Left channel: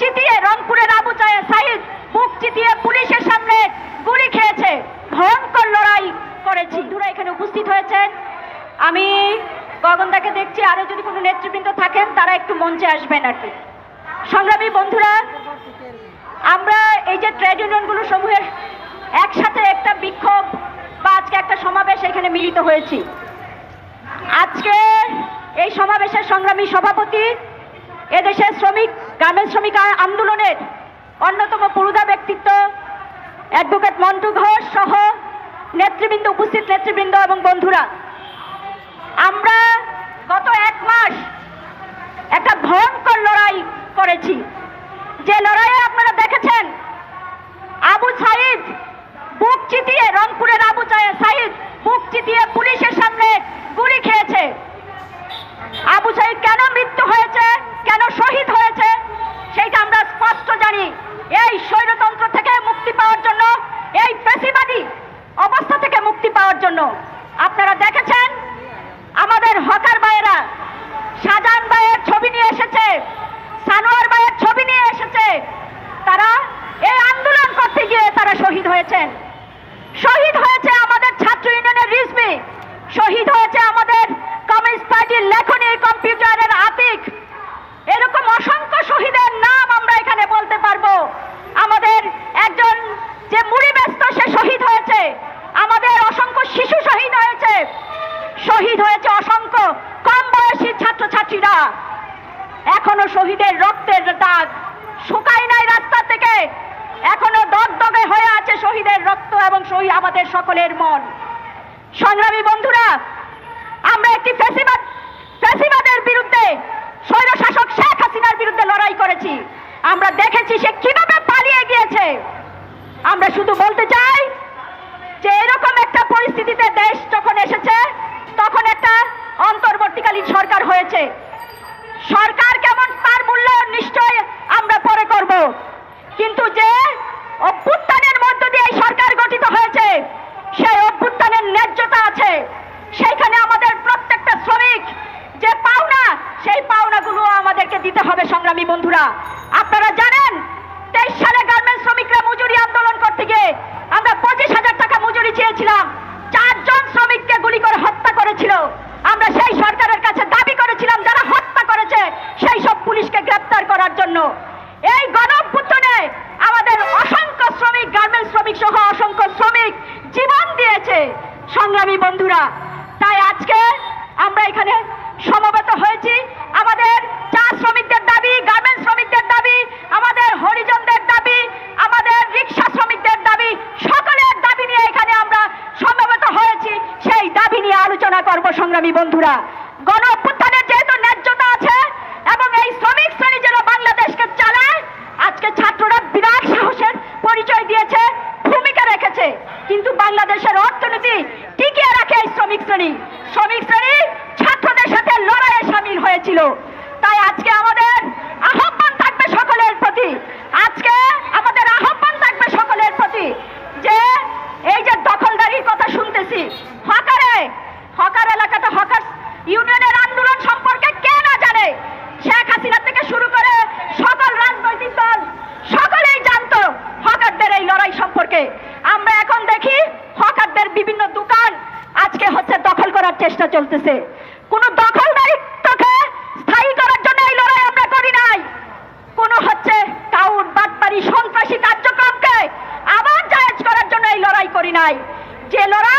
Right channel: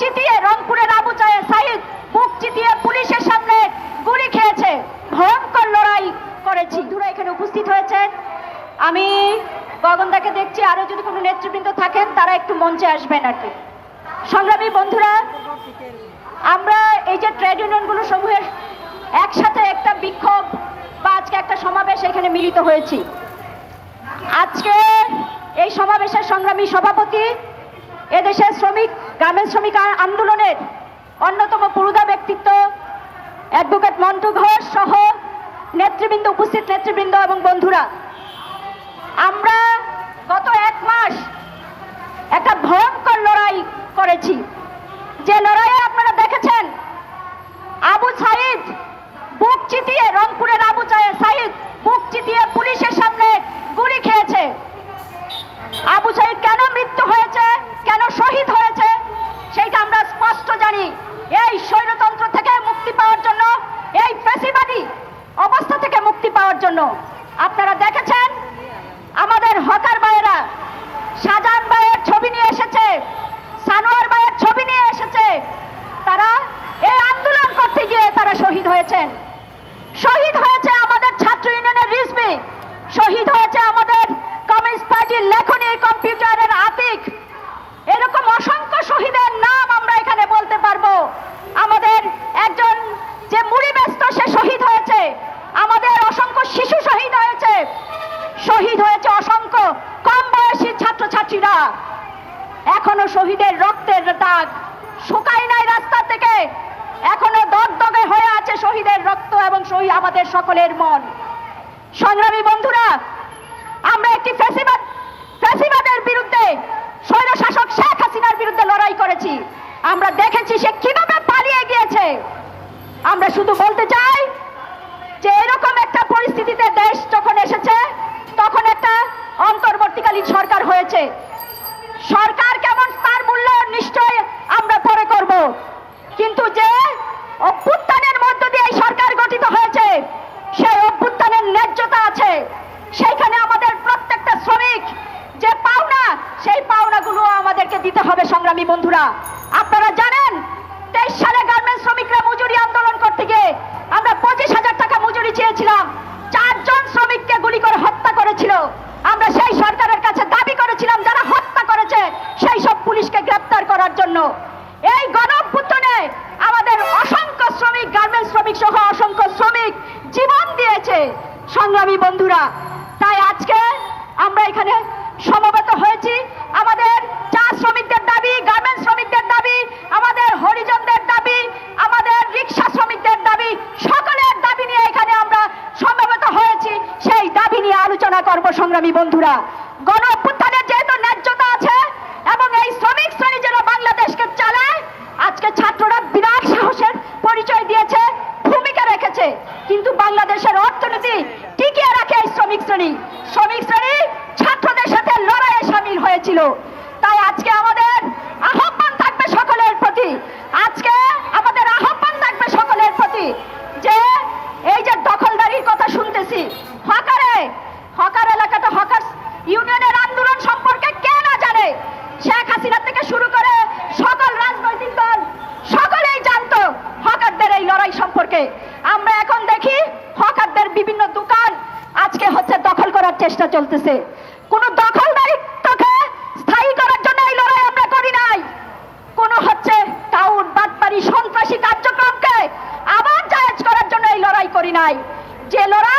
চিতিয়ে রংপুরের আবু চায়ে সাইদ বুক চিতিয়ে পুলিশের সামনে গুলি খেয়েছে। ভয়ঙ্কর লড়াই করেছি। বন্ধুরা এখানে উপস্থিত হয়েছেন। আমি গগনদাকে দেখছি আরও যদি কোনো নেতৃবৃন্দ থাকেন, তারা একটু মঞ্চে আসবেন আর কি। সংগ্রামী বন্ধুরা, আমরা এই যে ট্রেড ইউনিয়নগুলো সমূহের একসাথে একটা বিক্ষোভ বা আজকে একটা সমাবেশ এখানে মিলিত হয়েছি। আজকে এই সমাবেশের সংগ্রামী সভাপতি এদেশের শ্রমিক, গ্রামের শ্রমিক আন্দোলনের অন্যতম পুরুদা ব্যক্তিত্ব অ্যাডভোকেট মন্টু ঘোষ সহ নেতৃবৃন্দ, উপস্থিত নেতৃবৃন্দ এবং বন্ধুরা। আমরা গত এক মাস একটা ভয়ঙ্কর লড়াই করেছি। যে লড়াইয়ে আপনারা দেখেছেন, আবু সাইদ বুক চিতিয়ে রংপুরের আবু সাইদ বুক চিতিয়ে পুলিশের সামনে গুলি খেয়েছে। আবু সাইদ কেন মৃত্যু হয়েছে এই স্বৈরতন্ত্র থেকে মুক্তি পাওয়ার জন্য, এই পেশিবাদী অবস্থা থেকে মুক্তি পাওয়ার জন্য আপনারা দেখেছেন, আমাদের হকার ভাইয়েরা শাহজাহান ভাইয়ের ছবি নিয়ে এসেছে, সানোয়ার ভাইয়ের ছবি নিয়ে এসেছে তারা এই আন্দোলন করতে গিয়ে তারা শহীদ হয়েছেন শহীদ হয়েছে আমাদের ছাত্র ইউনিয়নের রিজমি শহীদ হয়েছে আমাদের কমিউনিস্ট পার্টির লেখনী কম্পিউটারের আতিক এরকম অসংখ্য শহীদের নাম আমরা এখানে বলতে পারব আমাদের একজন যে মুড়ি ব্যস্ত সে শহীদ হয়েছে আমাদের অসংখ্য শিশু শহীদ হয়েছে শহীদ হয়েছে অসংখ্য, কম বয়সী ছাত্রছাত্রীরা। এখনও শহীদের রক্তের দাগ শুকায় নাই রাস্তা থেকে। এখনও দগদগে হয়ে আছে শহীদের রক্ত এবং শহীদ আমাদের সকলের মন। সংগ্রামী বন্ধুরা, আমরা একটি ফেসিবাদ ফেসিবাদের বিরুদ্ধে স্বৈর শাসক শেখ হাসিনার বিরুদ্ধে লড়াই করেছি। আমরা দেখেছি সে কীভাবে পালিয়ে গিয়েছে। আমরা শুধু বলতে চাই যে এরকম একটা পরিস্থিতিতে দেশ যখন এসেছে তখন একটা অন্তর্বর্তীকালীন সরকার হয়েছে। সরকার কেমন তার মূল্য নিশ্চয় আমরা পরে করব। কিন্তু যে অভ্যুত্থানের মধ্য দিয়ে সরকার গঠিত হয়েছে, সেই অভ্যুত্থানের ন্যায্যতা আছে। সেইখানে আমাদের প্রত্যেকটা শ্রমিক যে পাওনা, সেই পাওনাগুলো আমাদেরকে দিতে হবে সংগ্রামী বন্ধুরা। আপনারা জানেন, তেইশ সালে সেই সব পুলিশকে গ্রেপ্তার করার জন্য। এই গণ আমাদের অসংখ্য শ্রমিক, গার্মেন্টস শ্রমিক সহ অসংখ্য শ্রমিক জীবন দিয়েছে। সংগ্রামী বন্ধুরা, তাই আজকে আমরা এখানে সমবেত হয়েছি। আমাদের চা শ্রমিকদের দাবি, গার্মেন্টস শ্রমিকদের দাবি, আমাদের হরিজনদের দাবি, আমাদের রিক্সা শ্রমিকদের দাবি, সকলের দাবি নিয়ে এখানে আমরা সমবেত হয়েছি। সেই দাবি নিয়ে আলোচনা করব, সংগ্রামী বন্ধুরা। গণ অভ্যুত্থানের যেহেতু ন্যায্যতা আছে এবং এই শ্রমিক শ্রেণি যেন বাংলাদেশকে চালায় আজকে ছাত্ররা বিরাট সাহসের পরিচয় দিয়েছে ভূমিকা রেখেছে কিন্তু বাংলাদেশের অর্থনীতি টিকিয়ে রাখে এই শ্রমিক শ্রেণি শ্রমিক শ্রেণি ছাত্রদের সাথে লড়াইয়ে সামিল হয়েছিল তাই আজকে আমাদের আহ্বান থাকবে সকলের প্রতি আজকে আমাদের আহ্বান থাকবে সকলের প্রতি যে এই যে দখলদারির কথা শুনতেছি হকারে হকার এলাকাটা হকার ইউনিয়নের আন্দোলন সম্পর্কে কে না জানে শেখ হাসিনা থেকে শুরু করে সকল রাজনৈতিক দল সকলেই জানতো হকারদের এই লড়াই সম্পর্কে আমরা এখন দেখি হকারদের বিভিন্ন দোকান আজকে হচ্ছে দখল করার চেষ্টা চলতেছে। কোন দখলদারিত্বকে স্থায়ী করার জন্য এই লড়াই আমরা করি নাই। কোন হচ্ছে কাউন বাটপারি সন্ত্রাসী কার্যক্রমকে আবার জায়েজ করার জন্য এই লড়াই করি নাই। যে লড়াই